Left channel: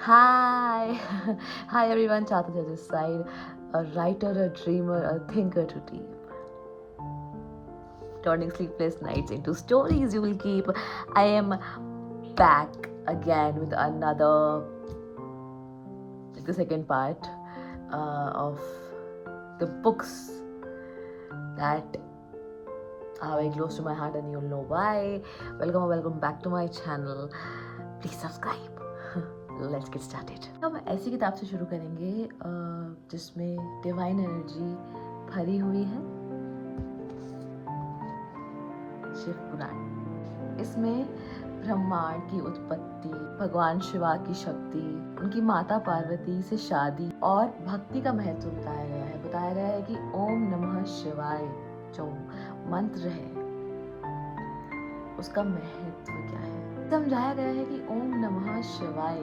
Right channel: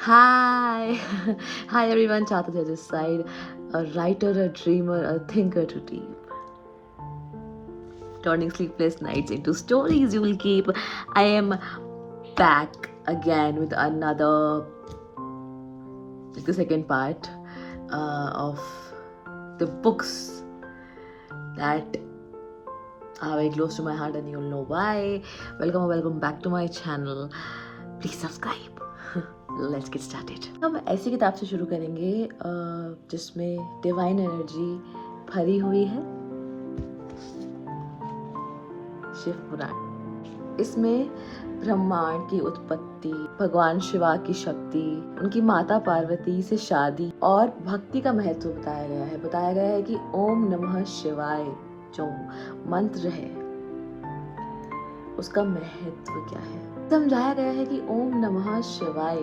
Hi, hi everyone. Chata to this side, a writer, a dreamer, a thinker to deep, turning sleepless nights into stories you will keep. I am back again with another, like the second part of the books that are very close to my heart, and you'll know why. Welcome back to my channel. Please subscribe. Let's get started. हम ऐसी किताब से शुरू करेंगे जिसमें divine energy भरी हुई है, शिव पुराण। इसमें ब्रह्मांड की उत्पत्ति, भगवान शिवा की शक्ति, उनकी माता पार्वती से शादी और भक्ति का महत्व बताया गया है। बताया गया है कि ओम नमः शिवाय जो मंत्र है उसका महत्व क्या है। समझाया गया है कि ओम नमः शिवाय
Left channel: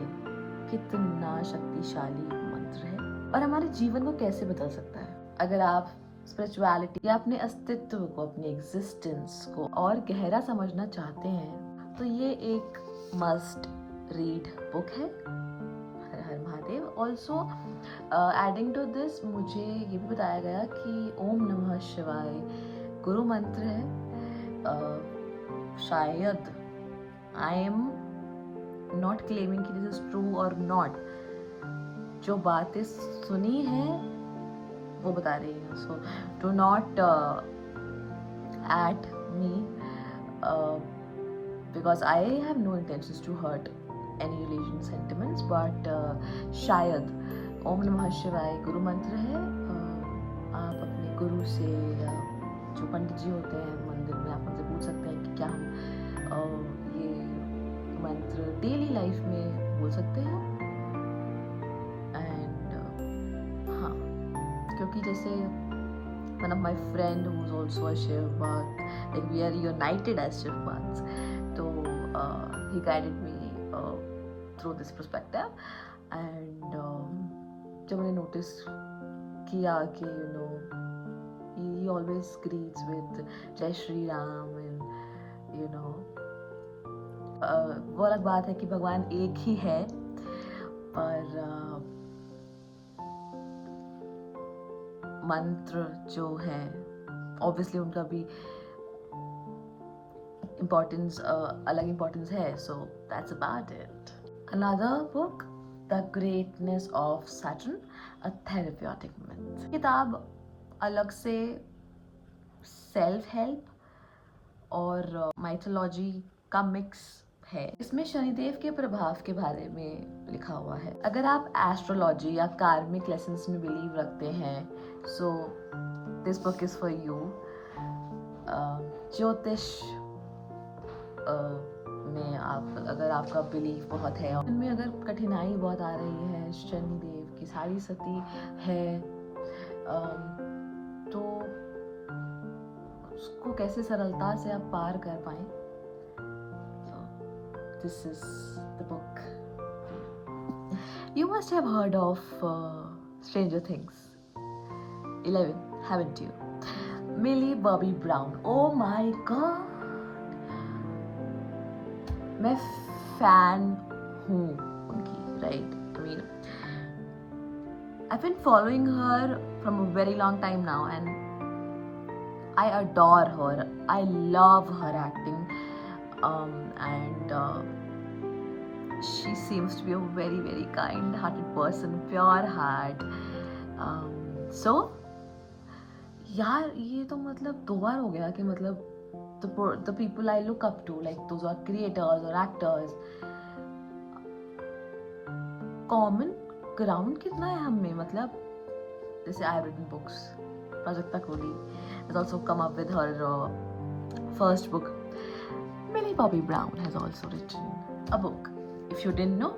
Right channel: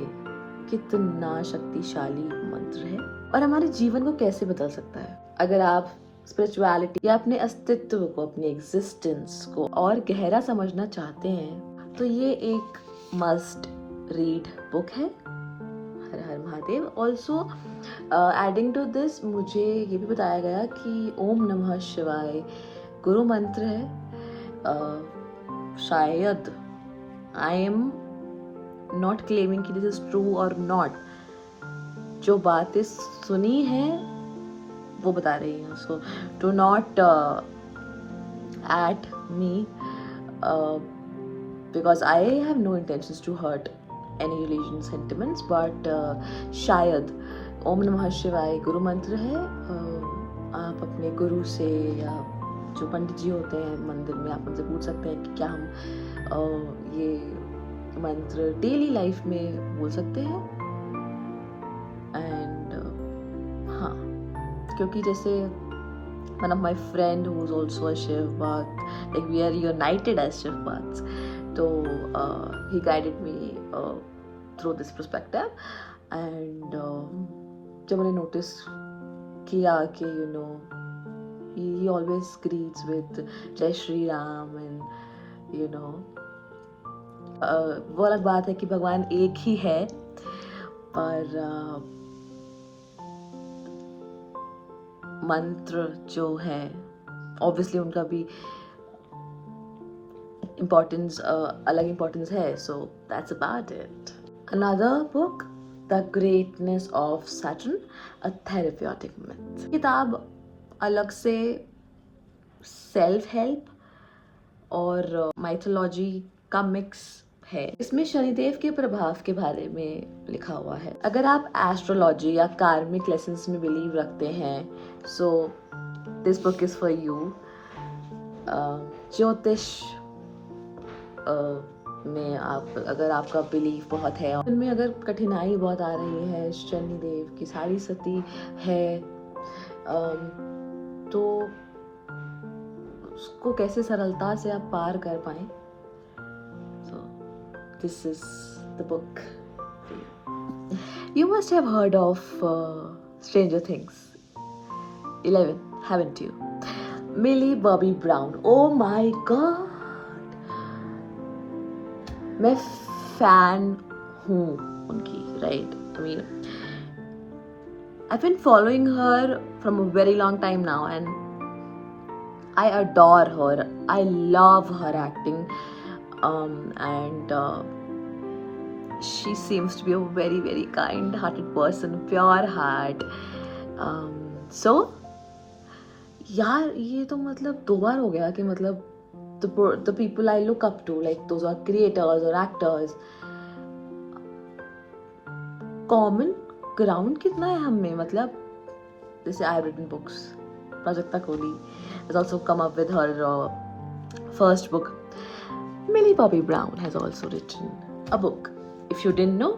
कितना शक्तिशाली मंत्र है और हमारे जीवन को कैसे बदल सकता है। अगर आप स्पिरिचुअलिटी या अपने अस्तित्व को, अपने एग्जिस्टेंस को और गहरा समझना चाहते हैं तो ये एक मस्ट रीड बुक है। Har Har Mahadev. Also adding to this, मुझे ये भी बताया गया कि ओम नमः शिवाय गुरु मंत्र है। शायद आई एम नॉट क्लेमिंग कि this is true or not, जो बातें सुनी है वो बता रही हूँ। So do not hate me because I have no intentions to hurt any religion sentiments, but शायद ओम नमः शिवाय गुरु मंत्र है। आप अपने गुरु से या जो पंडित जी होते हैं मंदिर में, आप उनसे पूछ सकते हैं कि क्या हम ये मंत्र डेली लाइफ में बोल सकते हैं। एंड हाँ, क्योंकि जैसे one of my friend who is also a Shiv Bhakt, like we are united as Shiv Bhakts, so he guided me through this perspective, and जब मैंने notice किया कि he always greets with Jai Shri Ram, and वो अलग बात है कि भगवान एक ही है, पर मंत्र जो है ऑब्वियसली उनका भी इम्पोर्टेंस, अलग इम्पोर्टेंस है। So that's about it. Another book, the greatness of Saturn, a therapeutic myth. किताब अलग से सेल्फ हेल्प और माइथोलॉजी का मिक्स है। इसमें शनिदेव के प्रभाव के बारे में लिखा हुआ है। अगर आप एस्ट्रोलॉजी या कार्मिक लेसन्स में बिलीव रखते हैं, so this book is for you. ज्योतिष में अगर आपका बिलीव बहुत है, उनमें अगर कठिनाई बहुत आ रही है, शनिदेव की साड़ी सती है, तो उसको कैसे सरलता से आप पार कर पाए। So this is the book. You must have heard of Stranger Things 11, haven't you? Millie Bobby Brown. Oh my God, मैं fan हूँ उनकी, right? I mean, I've been following her from a very long time now, and I adore her. I love her acting, and she seems to be a very, very kind-hearted person, pure heart. So यार ये तो मतलब 2 बार हो गया कि मतलब the people I look up to, like those are creators or actors, common ground कितना है हम में। मतलब जैसे I've written books, Prajakta Kohli has also come up with her first book. Millie Bobby Brown has also written a book. If you didn't know,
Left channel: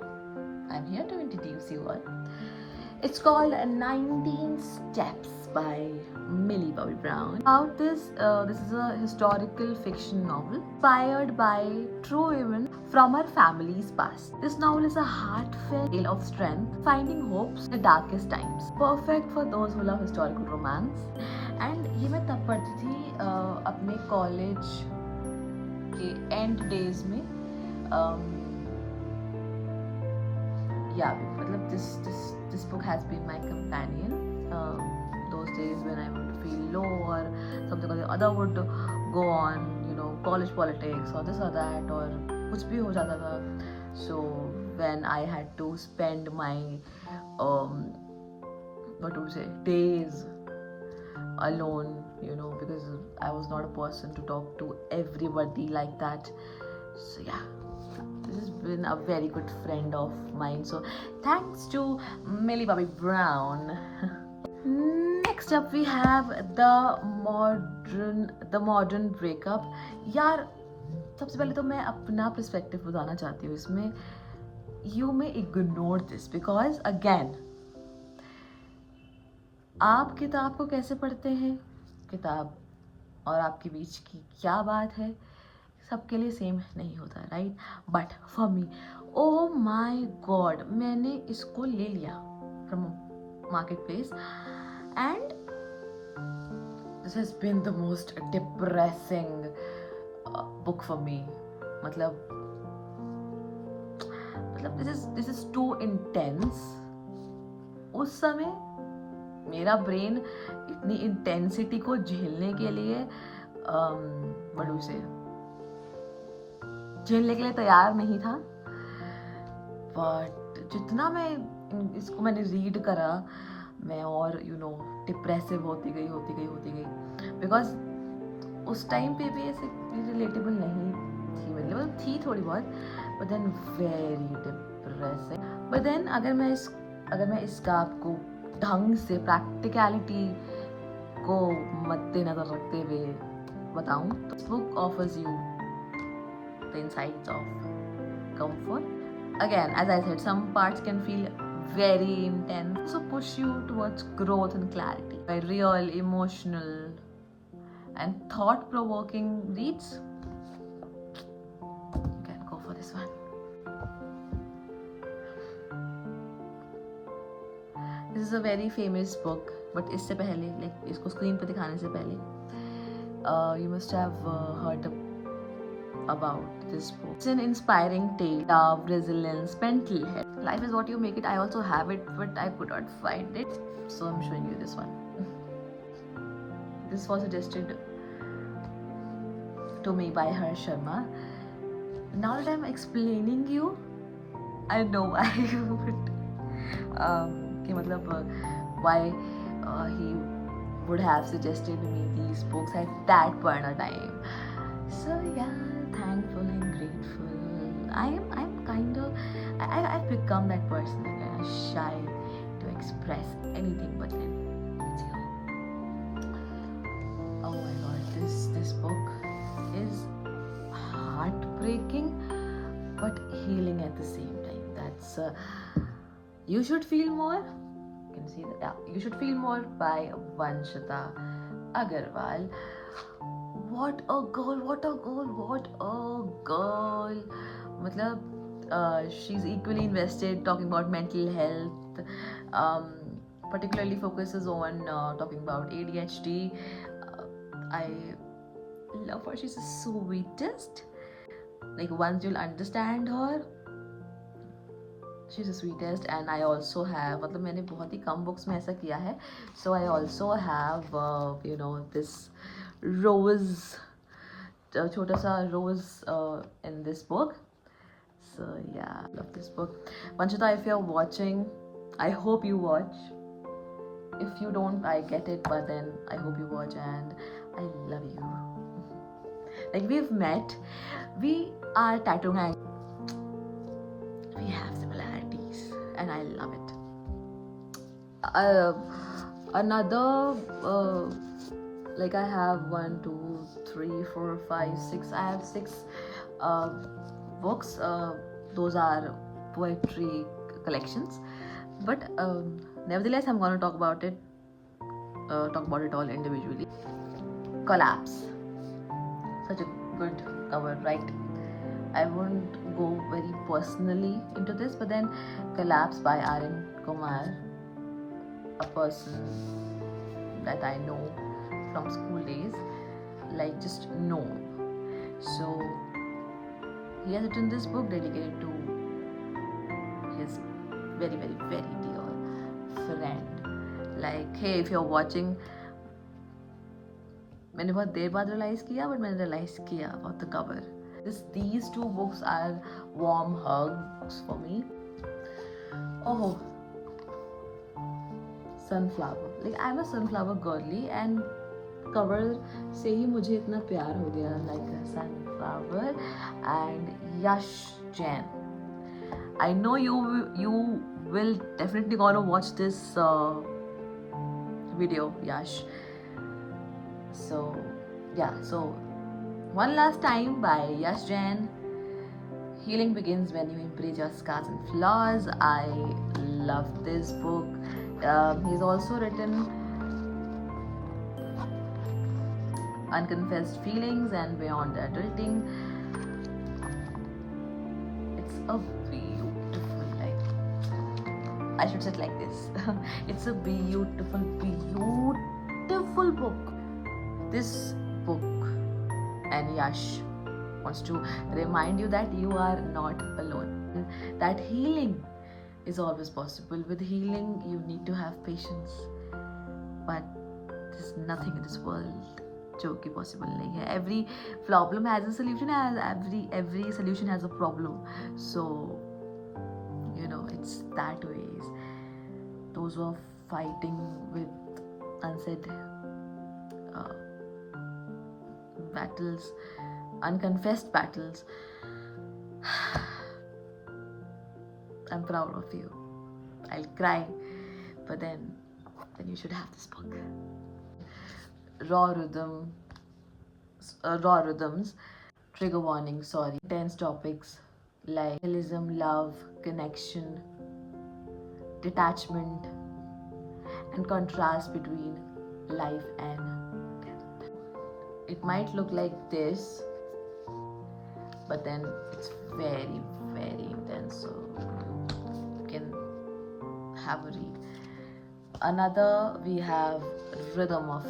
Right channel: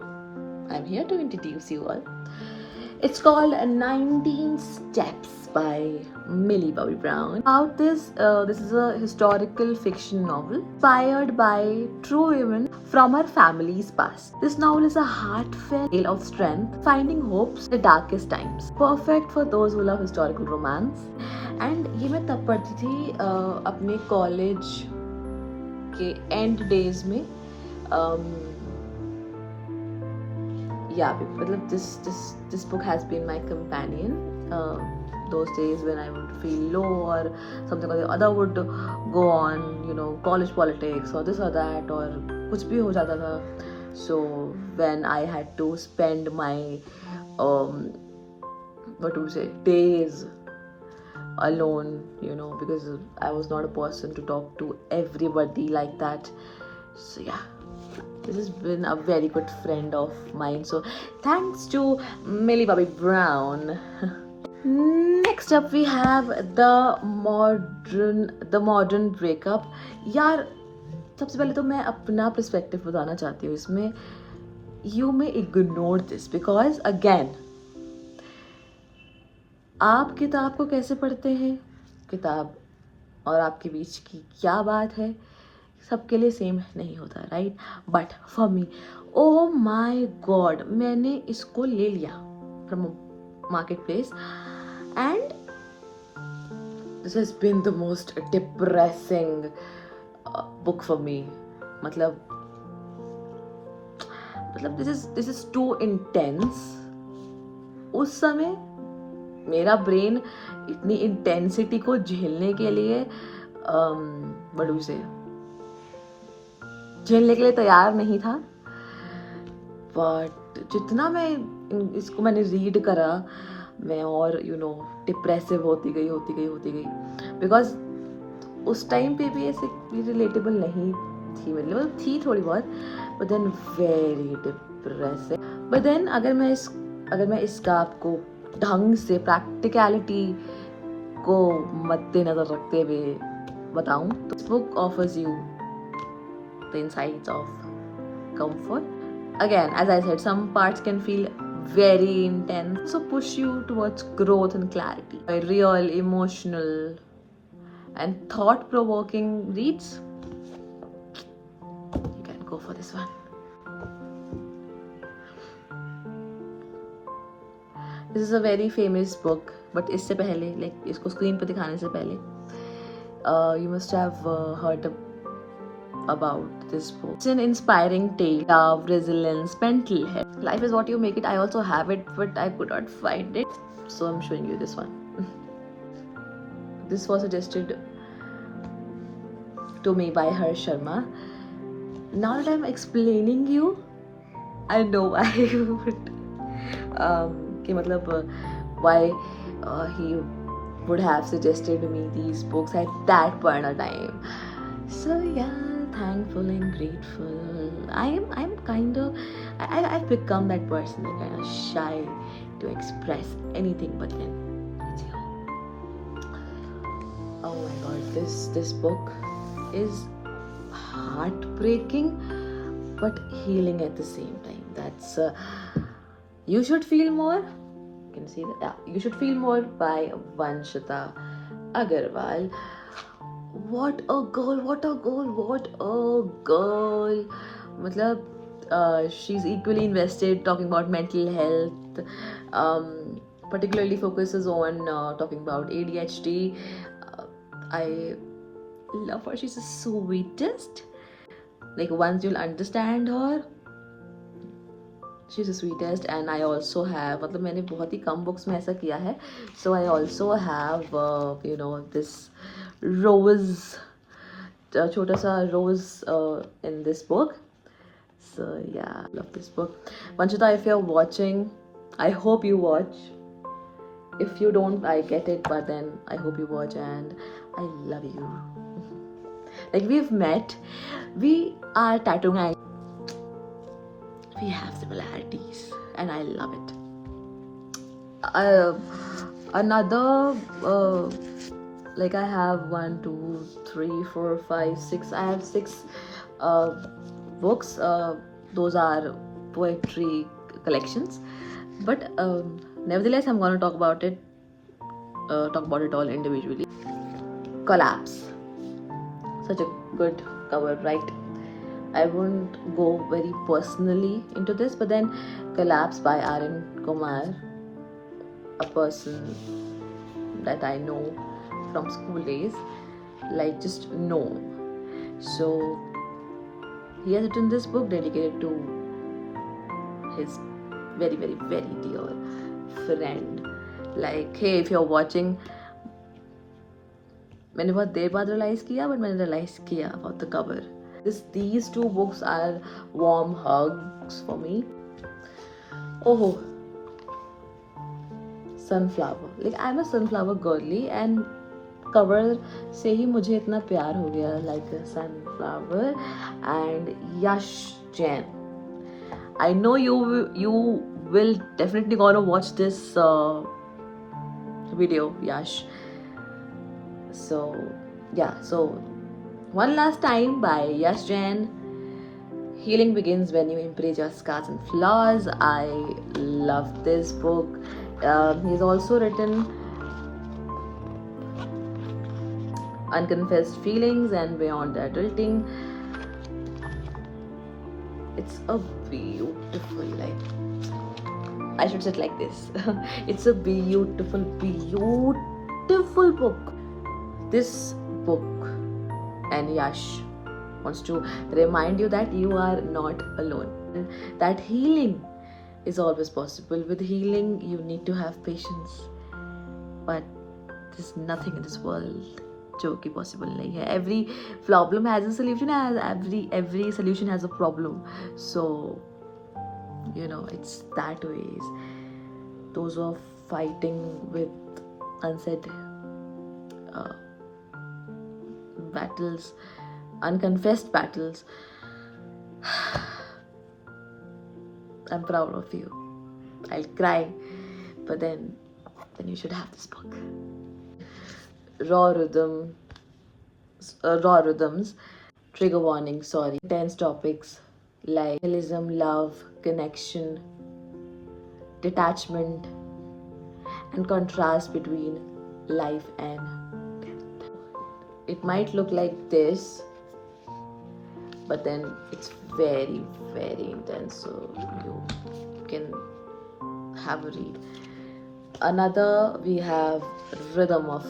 I'm here to introduce you all. It's called 19 Steps by Millie Bobby Brown. About this is a historical fiction novel inspired by true women from her family's past. This novel is a heartfelt tale of strength, finding hopes in the darkest times. Perfect for those who love historical romance. And ये मैं तब पढ़ती थी अपने college के and days में, yeah, मतलब this book has been my companion. Those days when I would feel low or something or the other would go on, you know, college politics or this or that or कुछ भी हो जाता था. So when I had to spend my what do you say, days alone, you know, because I was not a person to talk to everybody like that. So yeah, this has been a very good friend of mine. So thanks to Millie Bobby Brown. Next up we have the modern breakup. यार सबसे पहले तो मैं अपना perspective बताना चाहती हूँ इसमें. You may ignore this because again, आप किताब को कैसे पढ़ते हैं, किताब और आपके बीच की क्या बात है, सबके लिए सेम नहीं होता, right. But for me, oh my god, मैंने इसको ले लिया from market place and this has been the most depressing book for me. मतलब दिस इज टू इंटेंस. उस समय मेरा ब्रेन इतनी इंटेंसिटी को झेलने के लिए झेलने के लिए तैयार नहीं था. बट जितना इसको मैंने रीड करा, मैं और यू नो डिप्रेसिव होती गई. बिकॉज उस टाइम पे भी ऐसे रिलेटेबल नहीं थी मेरे लिए, मतलब थी थोड़ी बहुत, but then very depressive. But then अगर मैं इसका आपको ढंग से प्रैक्टिकलिटी को मद्देनजर रखते हुए बताऊं तो this book offers you the insights of comfort. Again, as I said, some parts can feel very intense, so push you towards growth and clarity. A real, emotional and thought-provoking reads, you can go for this one. This is a very famous book, but इससे पहले, like इसको screen पर दिखाने से पहले, you must have heard about this book. It's an inspiring tale of resilience, mental health. Life is what you make it. I also have it, but I could not find it, so I'm showing you this one. This was suggested to me by Harsh Sharma. Now that I'm explaining you, I know why. कि मतलब why he would have suggested me these books at that point of time. So yeah, thankful and grateful. I'm kind of I've become that person that kind of shy to express anything, but then it's here. Oh my god, this book is heartbreaking but healing at the same time. That's You Should Feel More. You can see that. Yeah, You Should Feel More by Vanshita Agarwal. What a girl. मतलब she's equally invested talking about mental health. Particularly focuses on talking about ADHD. I love her. She's the sweetest. Like once you'll understand her, she's the sweetest. And I also have, मतलब मैंने बहुत ही कम books में ऐसा किया है, so I also have you know this rose, छोटा सा rose in this book. So yeah, I love this book. Vanshita, if you're watching, I hope you watch. If you don't, I get it, but then I hope you watch, and I love you. Like we've met, we are tattooing and we have similarities, and I love it. Another like I have 1 2 3 4 5 6, I have 6 books. Those are poetry collections, but nevertheless I'm going to talk about it all individually. Collapse, such a good cover, right? I won't go very personally into this, but then Collapse by Aryan Kumar, a person that I know from school days, like just know. So he has written this book dedicated to his very very very dear friend. Like, hey, if you're watching, मैंने बहुत देर बाद realize किया, but मैंने realize किया about the cover. These two books are warm hugs for me. Oh, sunflower. Like, I'm a sunflower girly, and cover से ही मुझे इतना प्यार हो गया. Like a sunflower and Yash Jain. I know you will definitely gonna watch this video, Yash. So yeah, so one last time by Yash Jain. Healing begins when you embrace your scars and flaws. I love this book. He's also written Unconfessed Feelings and Beyond Adulting. It's a beautiful, like, I should say it like this. It's a beautiful, beautiful book. This book, and Yash wants to remind you that you are not alone, and that healing is always possible. With healing, you need to have patience, but there's nothing in this world जो कि possible नहीं है. Every problem has a solution, as every solution has a problem. So, you know, it's that ways. Those who are fighting with unsaid battles, unconfessed battles, I'm proud of you. I'll cry, but then you should have this book. Raw rhythms, trigger warning, sorry, intense topics like realism, love, connection, detachment, and contrast between life and death. It might look like this, but then it's very very intense, so you can have a read. Another, we have rhythm of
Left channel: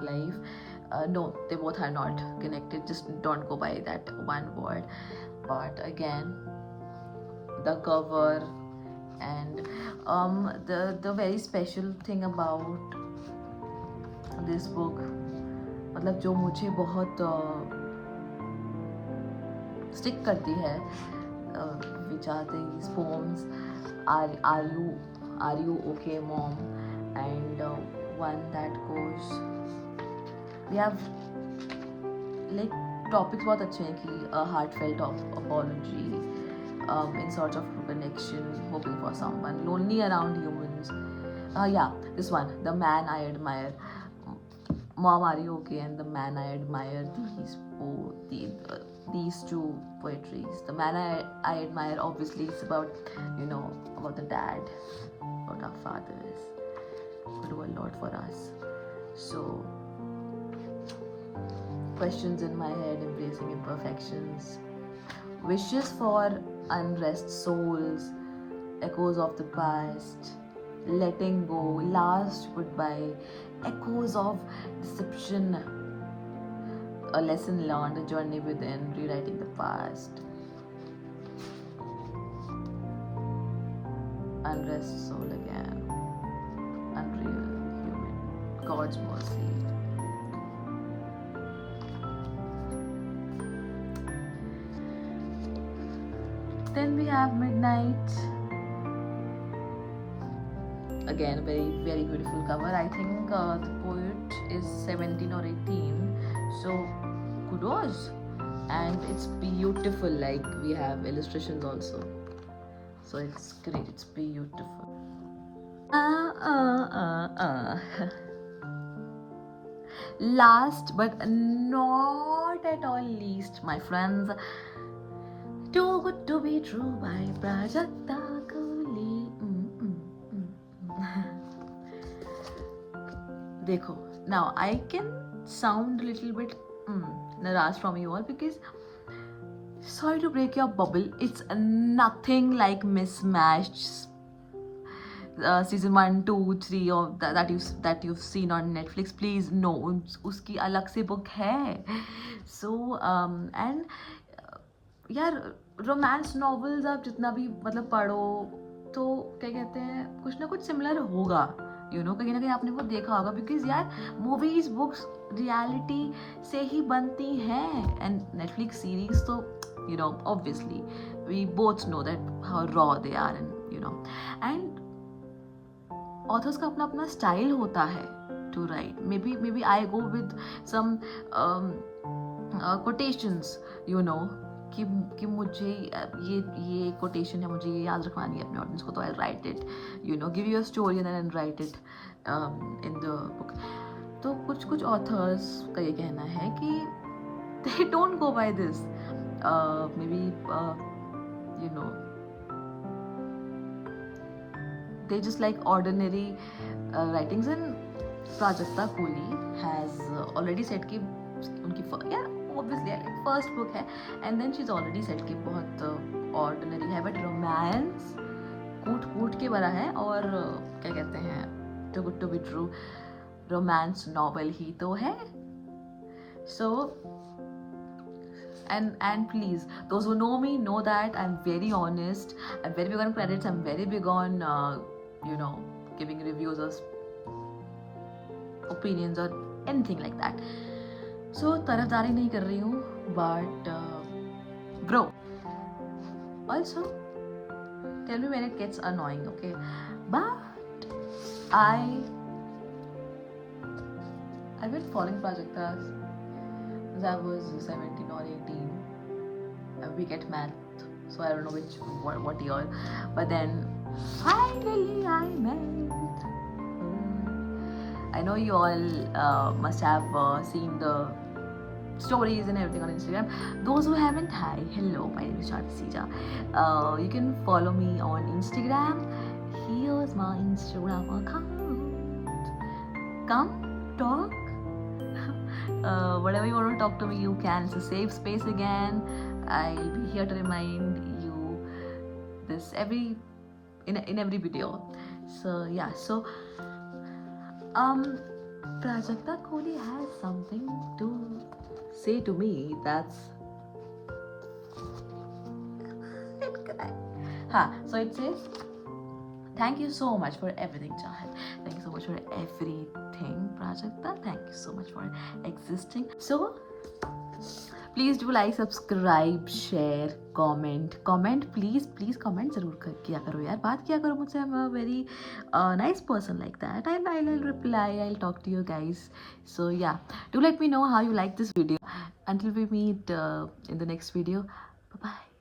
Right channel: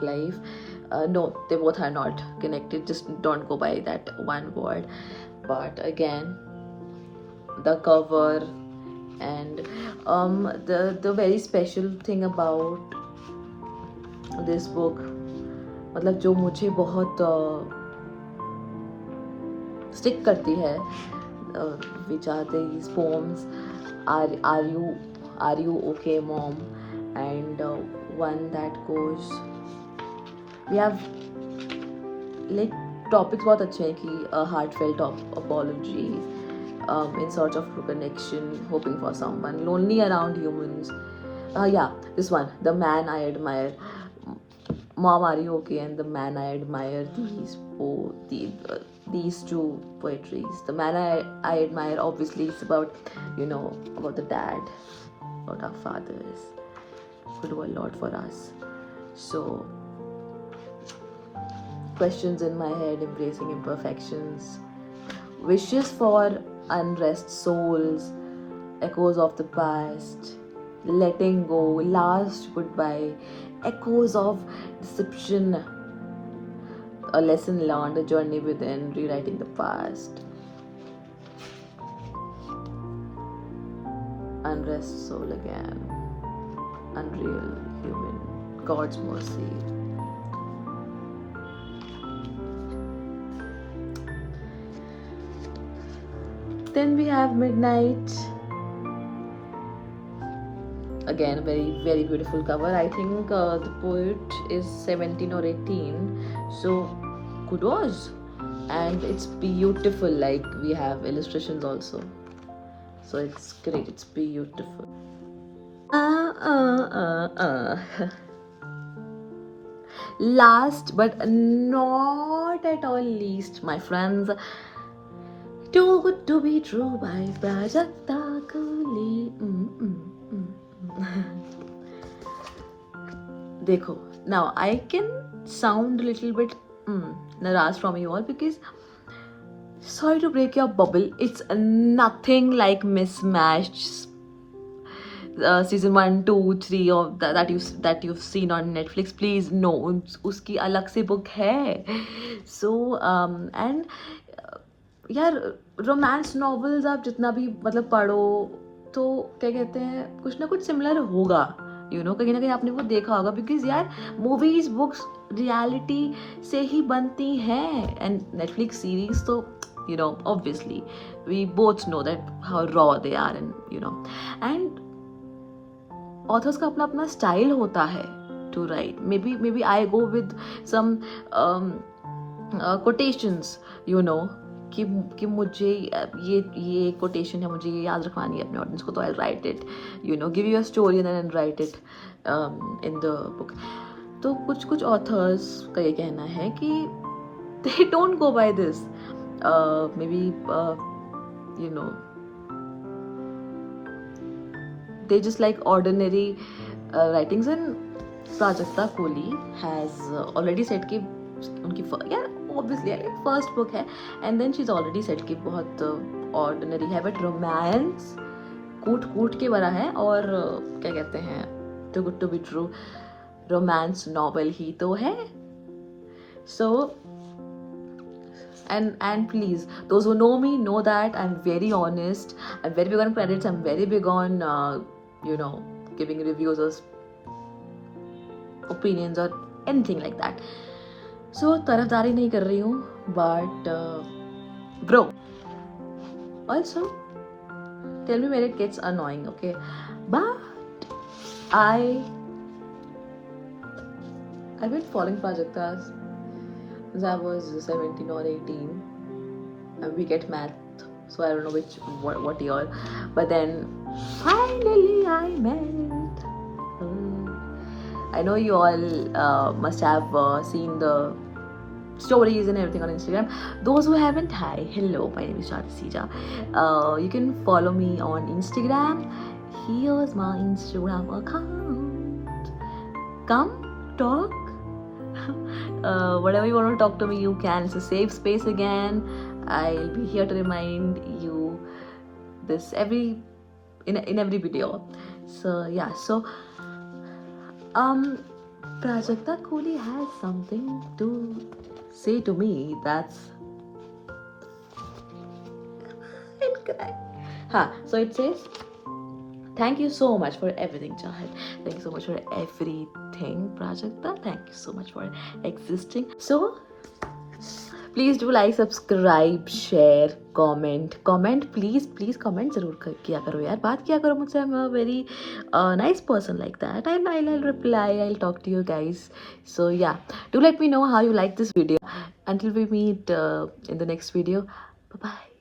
life. No, they both are not connected, just don't go by that one word. But again, the cover and the very special thing about this book, मतलब जो मुझे बहुत stick करती है, which are these poems, are you okay mom, and one that goes, we have like topics बहुत अच्छे हैं कि a heartfelt apology, in search of connection, hoping for someone, lonely around humans. Yeah, this one, the man I admire, mom are you okay, and the man I admire. These two poetries. The man I admire, obviously it's about, you know, about the dad, about our fathers who do a lot for us. So, questions in my head, embracing imperfections, wishes for unrest souls, echoes of the past, letting go, last goodbye, echoes of deception, a lesson learned, a journey within, rewriting the past, unrest soul again, unreal human, God's mercy. Then we have Midnight. Again, a very very beautiful cover. I think the poet is 17 or 18, so kudos. And it's beautiful, like we have illustrations also, so it's great, it's beautiful. Last but not at all least, my friends, Too Good to Be True by Prajakta Kohli. Dekho, now I can sound a little bit naraz from you all, because sorry to break your bubble, it's nothing like Mismatched season 1, 2, 3 of that you've seen on Netflix. Please, no, uski alag se book hai. So and यार romance novels आप जितना भी मतलब पढ़ो तो क्या कहते हैं कुछ ना कुछ सिमिलर होगा, यू नो, कहीं ना कहीं आपने वो देखा होगा, बिकॉज यार मूवीज बुक्स रियलिटी से ही बनती हैं, एंड नेटफ्लिक्स सीरीज तो you know obviously we both know that how raw they are, and you know, and authors का अपना अपना स्टाइल होता है to write. Maybe I go with some quotations, you know, कि मुझे ये quotation है, मुझे ये याद रखवानी है अपने ऑडियंस को, तो I write it, you know, give you a story and then write it in the book. तो कुछ कुछ ऑथर्स का ये कहना है कि they don't go by this, maybe you know, they just like ordinary writings. And Prajakta Kohli has already said कि उनकी यार obviously like first book है, and then she's already said कि बहुत ordinary है, but romance कूट कूट के भरा है, और क्या कहते हैं too good to be true romance novel ही तो है. So and please, those who know me know that I'm very honest, I'm very big on credits, I'm very big on you know, giving reviews or opinions or anything like that. So तरफदारी नहीं कर रही हूँ, but bro, also tell me when it gets annoying, okay? But I've been following Prajakta since I was 17 or 18. We get math, so I don't know what year, but then finally I met her. I know you all must have seen the stories and everything on Instagram. Those who haven't, hi, hello, my name is Shadi Sija. You can follow me on Instagram. Here's my Instagram account. Come talk. Whatever you want to talk to me, you can. It's a safe space again. I'll be here to remind you this in every video. So yeah, so Prajakta Kohli has something to say to me that's so it says, thank you so much for everything, Chahat. Thank you so much for everything, Prajakta. Thank you so much for existing. So please do like, subscribe, share, comment please comment ज़रूर किया करो यार, बात किया करो मुझसे. I am a very nice person like that. I reply, I talk to you guys. So yeah, do let me know how you like this video. Until we meet in the next video, bye bye.